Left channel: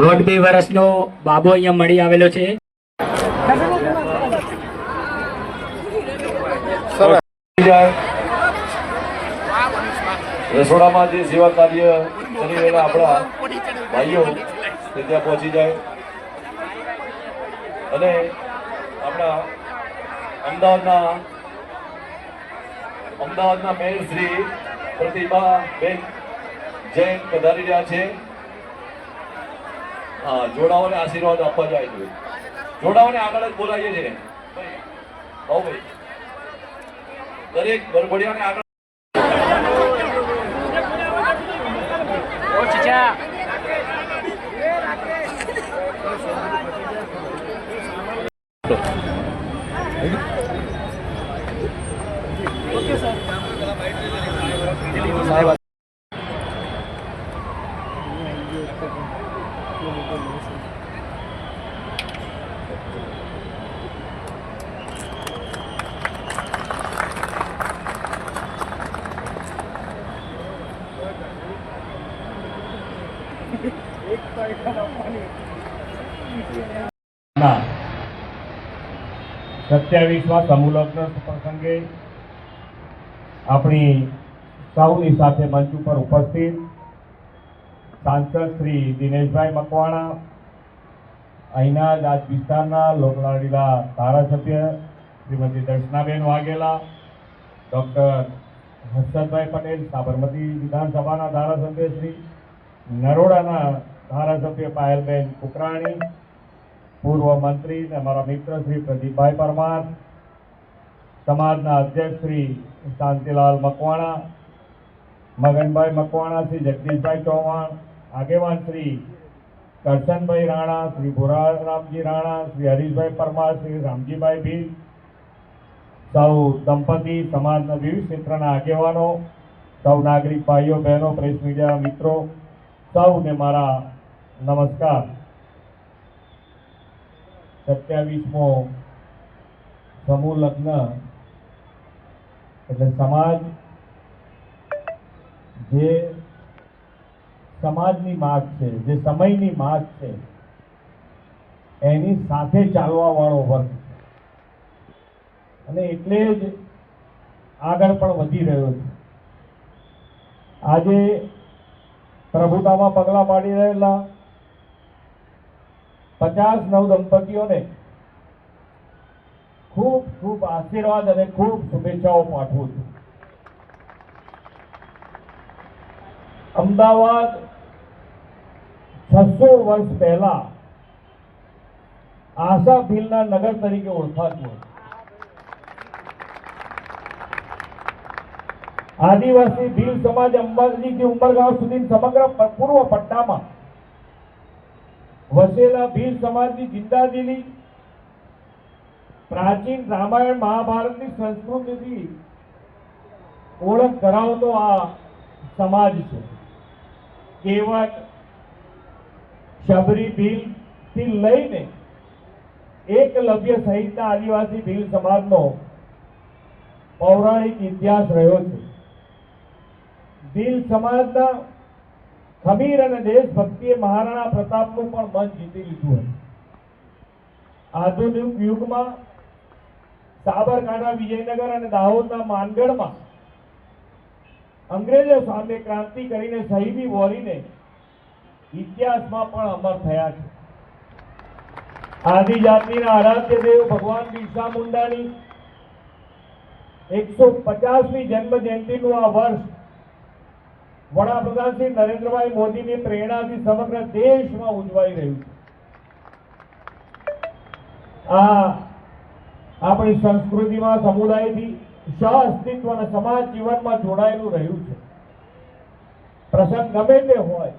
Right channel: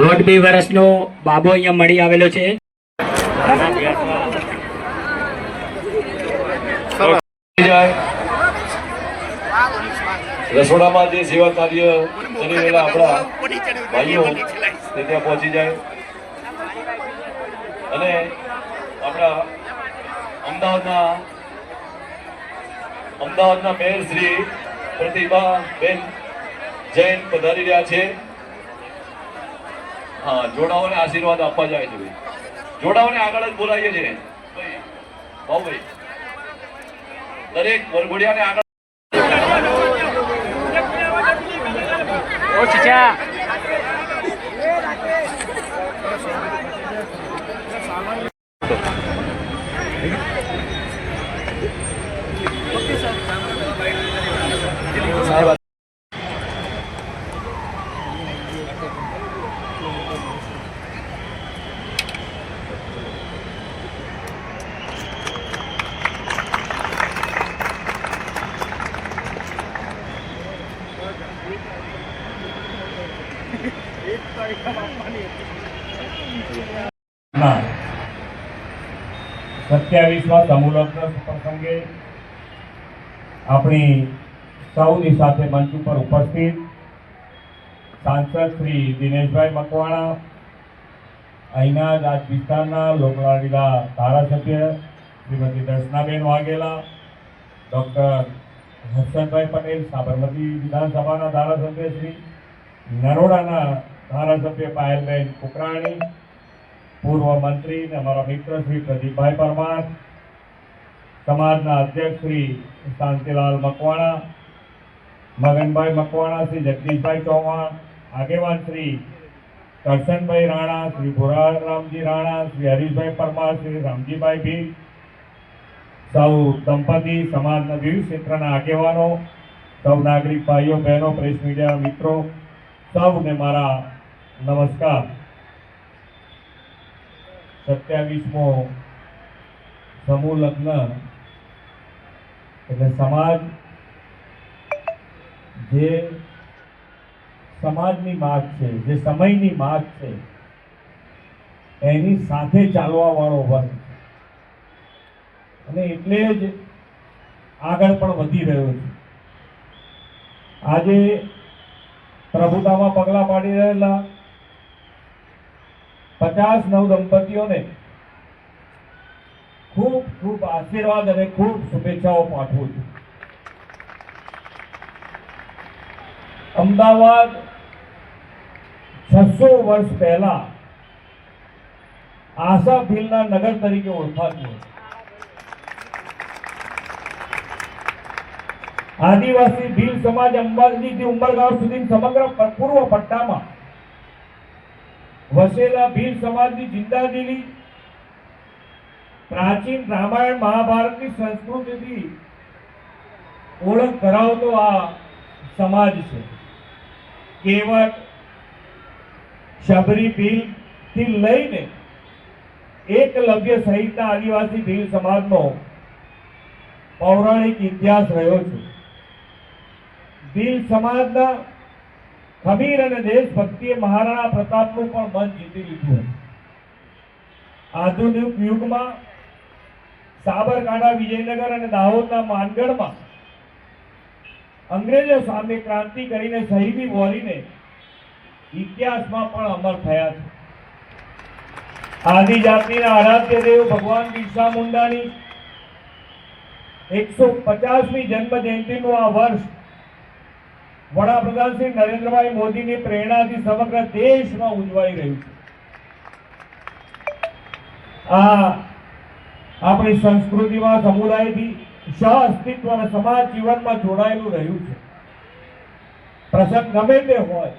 દોઢ બે વર્ષનો બાબો અહીંયા મળી આવેલો છે. રસોડામાં જે સેવા કાર્ય કરી રહેલા આપણા ભાઈઓ તે ત્યાં પહોંચી જાય. અને આપણા અમદાવાદના અમદાવાદના મેયર શ્રી પ્રતિભા બેન જૈન પધારી રહ્યા છે. હા જોડાઓને આશીર્વાદ આપવા જાય છે ભાઈ. જોડાઓને આગળ જ બોલાવીએ છીએ. ભાઈ ભાઈ. દરેક વરઘોડિયાને આગળ ના સત્યાવીસમાં સમૂહલગ્ન પ્રસંગે આપણી સૌની સાથે મંચ ઉપર ઉપસ્થિત સાંસદ શ્રી દિનેશભાઈ મકવાણા, અહીંના જ આ વિસ્તારના લોકલાડીલા ધારાસભ્ય શ્રીમતી દર્શનાબેન વાઘેલા, ડૉક્ટર હર્ષદભાઈ પટેલ, સાબરમતી વિધાનસભાના ધારાસભ્ય શ્રી નરોડાના ધારાસભ્ય પાયલબેન કુકરાણી, પૂર્વ મંત્રી અને અમારા મિત્ર શ્રી પ્રદીપભાઈ પરમાર, સમાજના અધ્યક્ષ શ્રી શાંતિલાલ મકવાણા, મગનભાઈ મકવાણા, શ્રી જગદીશભાઈ ચૌહાણ, આગેવાન શ્રી કરશનભાઈ રાણા, શ્રી ભુરારામજી રાણા, શ્રી હરીશભાઈ પરમાર, શ્રી રામજીભાઈ ભીલ, સૌ દંપતી સમાજના વિવિધ ક્ષેત્રના આગેવાનો, સૌ નાગરિક ભાઈઓ, બહેનો, પ્રેસ મીડિયાના મિત્રો સૌને મારા નમસ્કાર. સત્યાવીસમો સમૂહ લગ્ન એટલે સમાજ, જે સમાજની માગ છે, જે સમયની માગ છે, એની સાથે ચાલવા વાળો વર્ગ અને એટલે જ આગળ પણ વધી રહ્યો છે. આજે પ્રભુતામાં પગલાં પાડી રહેલા પચાસ નવ દંપતીઓને ખૂબ ખૂબ આશીર્વાદ અને ખૂબ શુભેચ્છાઓ પાઠવું છું. અમદાવાદ છસો વર્ષ પહેલા આશા ભીલના નગર તરીકે ઓળખાતું હતું. આદિવાસી ભીલ સમાજ અંબાજીથી ઉમરગાંવ સુધી સમગ્ર પૂર્વ પટ્ટામાં વસેલા ભીલ સમાજની જિંદાદિલી પ્રાચીન રામાયણ મહાભારતની સંસ્કૃતિથી ઓળખ કરાવતો આ સમાજ છે. કેવટ, શબરી ભીલથી લઈને એકલવ્ય સહિતના આદિવાસી ભીલ સમાજનો પૌરાણિક ઇતિહાસ રહ્યો છે. ભીલ સમાજના ખમીર અને દેશભક્તિએ મહારાણા પ્રતાપનું પણ મન જીતી લીધું હતું. આધુનિક યુગમાં સાબરકાંઠા, વિજયનગર અને દાહોદના માનગઢમાં અંગ્રેજો સામે ક્રાંતિ કરીને શહીદી બોલીને ઇતિહાસમાં પણ અમર થયા છે. આદિજાતિના આરાધ્ય દેવ ભગવાન બિરસા મુંડાની એકસો પચાસમી જન્મ જયંતિનું આ વર્ષ વડાપ્રધાન શ્રી નરેન્દ્રભાઈ મોદીની પ્રેરણાથી સમગ્ર દેશમાં ઉજવાઈ રહ્યું છે. આ આપણી સંસ્કૃતિમાં, સમુદાયથી સહ અસ્તિત્વ અને સમાજ જીવનમાં જોડાયેલું રહ્યું છે. પ્રસંગ ગમે તે હોય,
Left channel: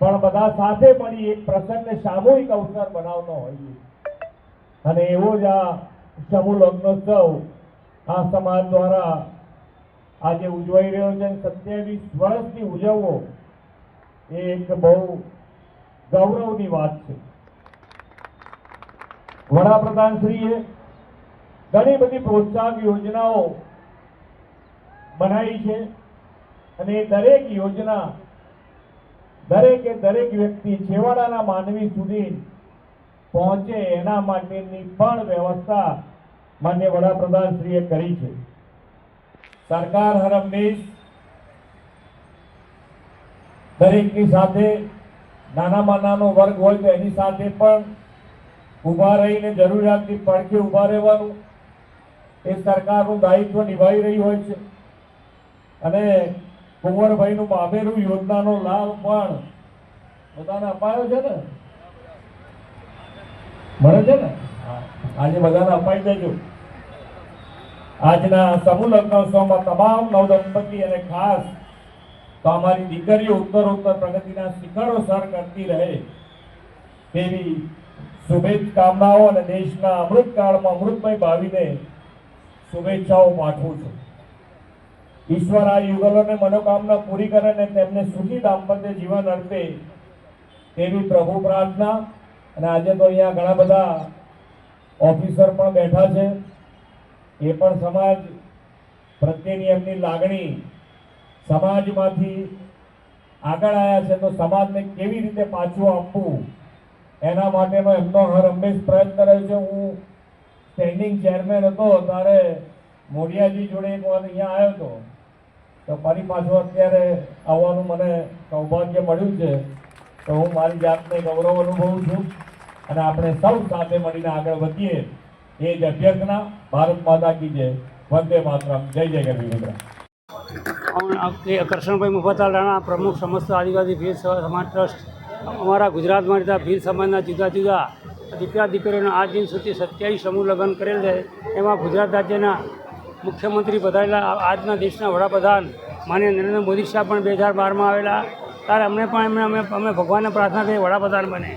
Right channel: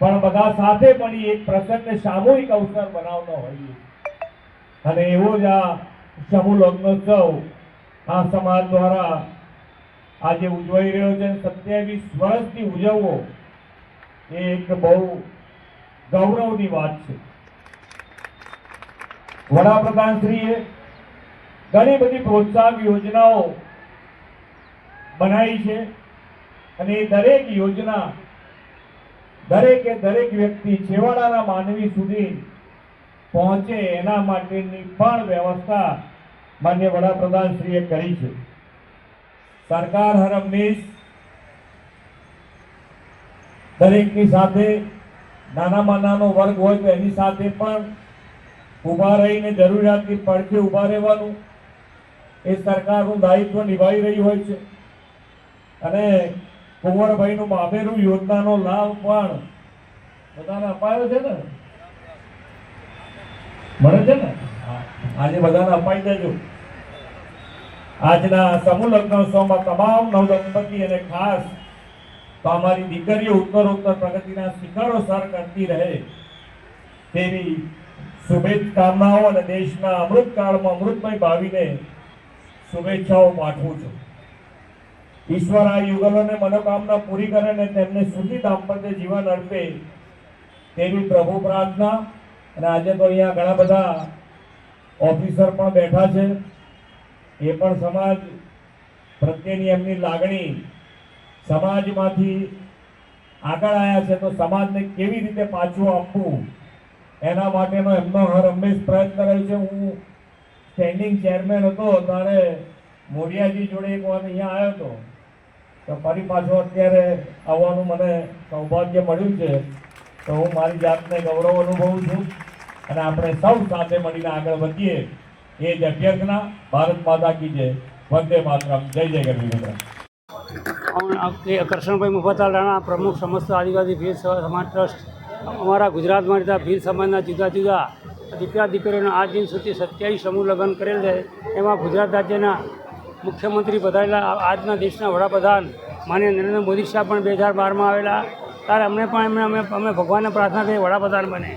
પણ બધા સાથે મળી એક પ્રસંગને સામૂહિક અવસર બનાવતો હોઈએ. અને એવો જ આ સમૂહ લગ્નોત્સવ આ સમાજ દ્વારા આજે ઉજવાઈ રહ્યો છે સત્યાવીસ વર્ષથી ઉજવવો એ એક બહુ ગૌરવની વાત છે. વડાપ્રધાન શ્રીએ ઘણી બધી પ્રોત્સાહક યોજનાઓ બનાવી છે અને એ દરેક યોજના દરેકે દરેક વ્યક્તિ છેવાડાના માનવી સુધી પહોંચે એના માટેની પણ વ્યવસ્થા માન્ય વડાપ્રધાનશ્રીએ કરી છે. સરકાર હરમનીશ દરેકની સાથે નાનામાં નાનો વર્ગ હોય તો એની સાથે પણ ઊભા રહીને જરૂરિયાતની પડખે ઊભા રહેવાનું એ સરકારનું દાયિત્વ નિભાવી રહી હોય છે. અને કુંવરભાઈનું મામેરું યોજનાનો લાભ પણ બધાને અપાયો છે ને? મળે છે ને? આજે બધાને અપાઈ દેજો. આજના સમૂહ લગ્નોત્સવમાં તમામ નવદંપતિ અને ખાસ તો અમારી દીકરીઓ ઉત્તર ઉત્તર પ્રગતિના શિખરો સર કરતી રહે તેવી શુભેચ્છાકામનાઓ અને દેશના અમૃતકાળમાં અમૃતમય ભાવીને શુભેચ્છાઓ પાઠવું છું. ઈશ્વર આ યુગલોને મનોકામના પૂરી કરે અને તેમને સુખી દાંપત્ય જીવન અર્પે તેવી પ્રભુ પ્રાર્થના. અને આજે તો અહીંયા ઘણા બધા ઓફિસર પણ બેઠા છે. એ પણ સમાજ પ્રત્યેની એમની લાગણી સમાજમાંથી આગળ આવ્યા છે, તો સમાજને કેવી રીતે પાછું આપવું? એના માટેનો એમનો હર હંમેશ પ્રયત્ન રહ્યો છે. હું સ્ટેન્ડિંગ ચેરમેન હતો, ત્યારે મોડિયાજી જોડે એક વાર અહીંયા આવ્યો હતો. તો ફરી પાછો અત્યારે આવવાનું મને સૌભાગ્ય મળ્યું છે. તો હું મારી જાતને ગૌરવ અનુભવું છું અને આપણે સૌ સાથે મળીને આગળ વધીએ. એ જ અભ્યર્થના ભારત માતા કી જય. વંદે માતરમ. જય જય ગરવી મિત્ર કરશનભાઈ મુફતલાલ રાણા, પ્રમુખ સમસ્ત આદિવાસી ભીલ સમાજ ટ્રસ્ટ. અમારા ગુજરાતમાં રહેતા ભીલ સમાજના જુદા જુદા દીકરા દીકરીઓના આજ દિન સુધી સત્યાવીસ સમૂહ લગ્ન કરેલ છે. એમાં ગુજરાત રાજ્યના મુખ્યમંત્રી પધારેલા આજના દેશના વડાપ્રધાન માનીય નરેન્દ્ર મોદી સાહેબ પણ બે હજાર બારમાં આવેલા. ત્યારે અમને પણ એમને અમે અમે ભગવાનને પ્રાર્થના કરી વડાપ્રધાન બને.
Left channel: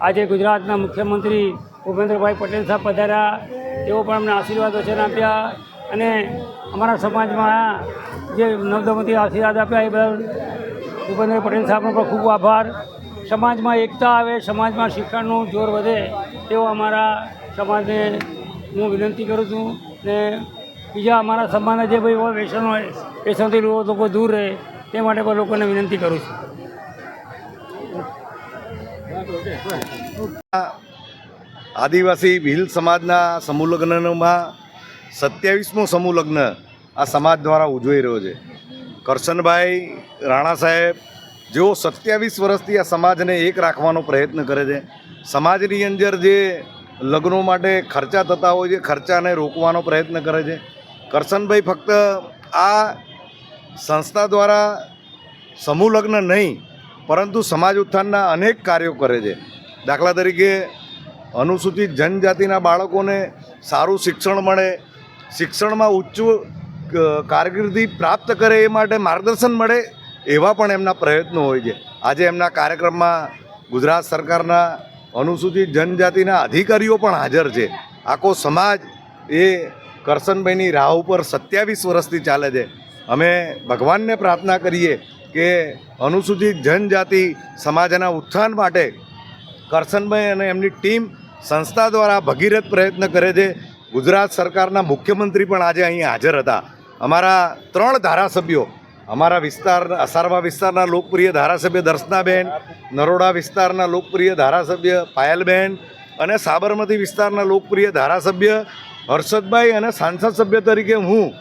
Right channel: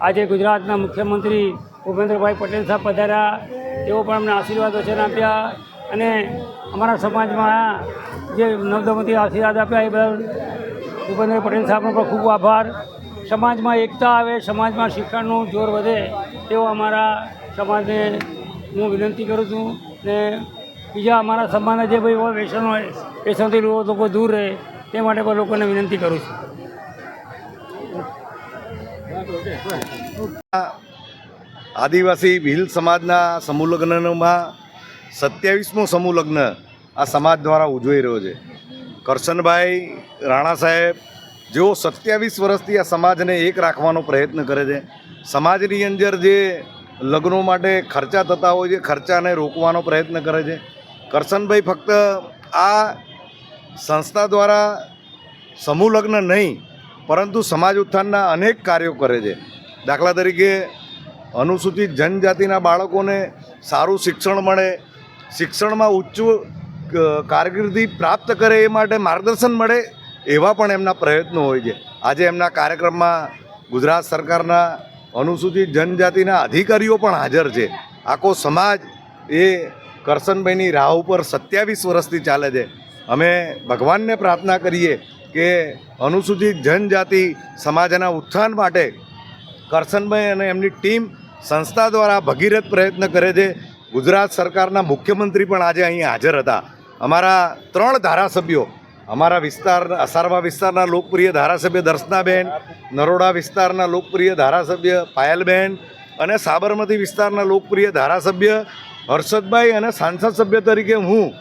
આજે ગુજરાતના મુખ્યમંત્રી ભૂપેન્દ્રભાઈ પટેલ સાહેબ પધાર્યા તેઓ પણ અમને આશીર્વાદ વચન આપ્યા. અને અમારા સમાજમાં જે નવદમતી આશીર્વાદ આપ્યા, એ બદલ ભૂપેન્દ્ર પટેલ સાહેબનો પણ ખૂબ આભાર. સમાજમાં એકતા આવે, સમાજમાં શિક્ષણનું જોર વધે, તેવો અમારા સમાજને હું વિનંતી કરું છું. ને બીજા અમારા સમાજના જે ભાઈ વ્યસન હોય, વ્યસનથી લોકો દૂર રહે, તે માટે પણ લોકોને વિનંતી કરું છું. આદિવાસી ભીલ સમાજના સમૂહ લગ્નમાં સત્યાવીસમો સમૂહ લગ્ન આ સમાજ દ્વારા ઉજવાઈ રહ્યો છે. કરશનભાઈ રાણા સાહેબ જેઓ સત્યાવીસ વર્ષથી આ સમાજને એક રાખવાનો પ્રયત્ન કરે છે, સમાજની અંદર જે લગ્નો માટે ખર્ચા થતા હોય છે, ખર્ચાને રોકવાનો પ્રયત્ન કરે છે. કરશનભાઈ ફક્ત આ સંસ્થા દ્વારા સમૂહ લગ્ન નહીં, પરંતુ સમાજ ઉત્થાનના અનેક કાર્યો કરે છે. દાખલા તરીકે અનુસૂચિત જનજાતિના બાળકોને સારું શિક્ષણ મળે, શિક્ષણમાં ઉચ્ચ કારકિર્દી પ્રાપ્ત કરે એ માટે માર્ગદર્શન મળે એવા પણ એમના પ્રયત્નો હોય છે. આજે એમના કાર્યક્રમમાં ગુજરાત સરકારના અનુસૂચિત જનજાતિના અધિકારીઓ પણ હાજર છે. આખો સમાજ એ કરશનભાઈની રાહ ઉપર સત્યાવીસ વર્ષથી ચાલે છે. અમે ભગવાનને પ્રાર્થના કરીએ કે અનુસૂચિત જનજાતિ સમાજના ઉત્થાન માટે કરશનભાઈ અને એમની ટીમ સંસ્થા દ્વારા ભગીરથ પ્રયત્ન કરે છે. ગુજરાત સરકારના મુખ્યમંત્રી પણ આજે અહીં હાજર હતા. અમારા ત્રણ ધારાસભ્યો, અમારા વિસ્તાર, અસારવા વિસ્તારના લોકપ્રિય ધારાસભ્ય દર્શનાબેન, નરોડા વિસ્તારના લોકપ્રિય ધારાસભ્ય પાયલબેન અને સાબરમતી વિસ્તારના લોકપ્રિય ધારાસભ્ય હર્ષદભાઈ અને સાંસદ સભ્ય તરીકે હું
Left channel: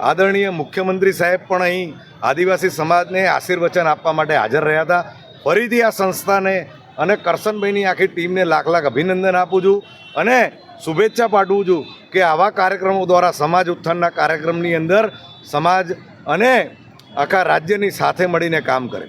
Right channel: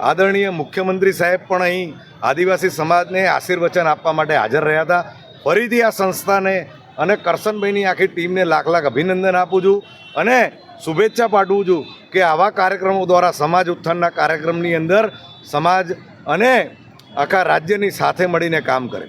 આદરણીય મુખ્યમંત્રી સાહેબ પણ અહીં આદિવાસી સમાજને આશીર્વચન આપવા માટે હાજર રહ્યા હતા. ફરીથી આ સંસ્થાને અને કરશનભાઈની આખી ટીમને લાખ લાખ અભિનંદન આપું છું અને શુભેચ્છા પાઠવું છું કે આવા કાર્યક્રમો દ્વારા સમાજ ઉત્થાનના કાર્યક્રમની અંદર સમાજ અને આખા રાજ્યની સાથે મળીને કામ કરે.